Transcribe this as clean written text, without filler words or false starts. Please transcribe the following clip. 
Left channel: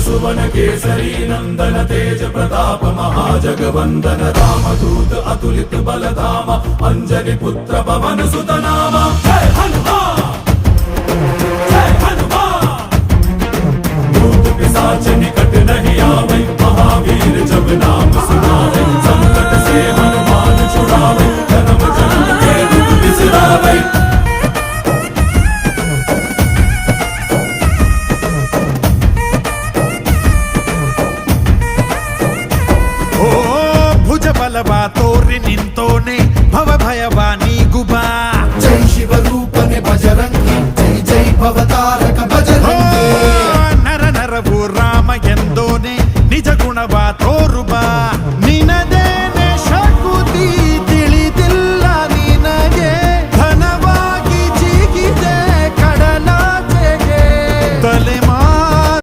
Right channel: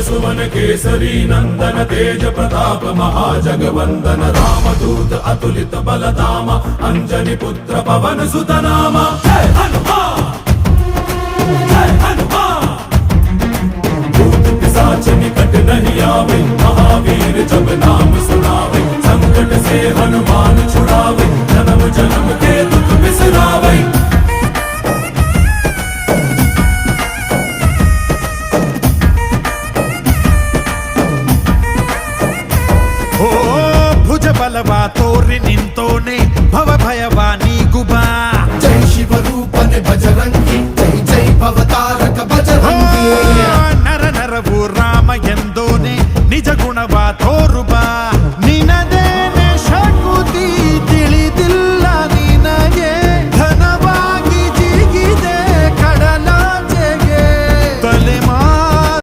सुवन केसरी नंदन तेज प्रताप महाजगवंदन रामदूत अतुलित बलधाम अंजनी पुत्र पवन सुत नाम जय हनुमान जय हनुमान। भूत पिशाच निकट नहीं आवे महावीर जब नाम सुनावे संकट से हनुमान छुड़ावे जन्म जन्म के दुख बिसरावे। ಓ ಭುಜ ಬಲವಾ ತೋರಿ ನಿಂತೋನೆ ಭವ ಭಯವಾ ನೀಗುಬಾ ಜೈ ಶಿವ ರೂಪನೆ ಬಜರಂಗಿ ಜೈ ಜೈ ಭವತಾರಕ ಬಜರಂಗಿ ನರ ನರವು ರಾಮ ಎಂದೋನೆ ನಿಜ ಗುಣವಾ ತೋರುಬಾ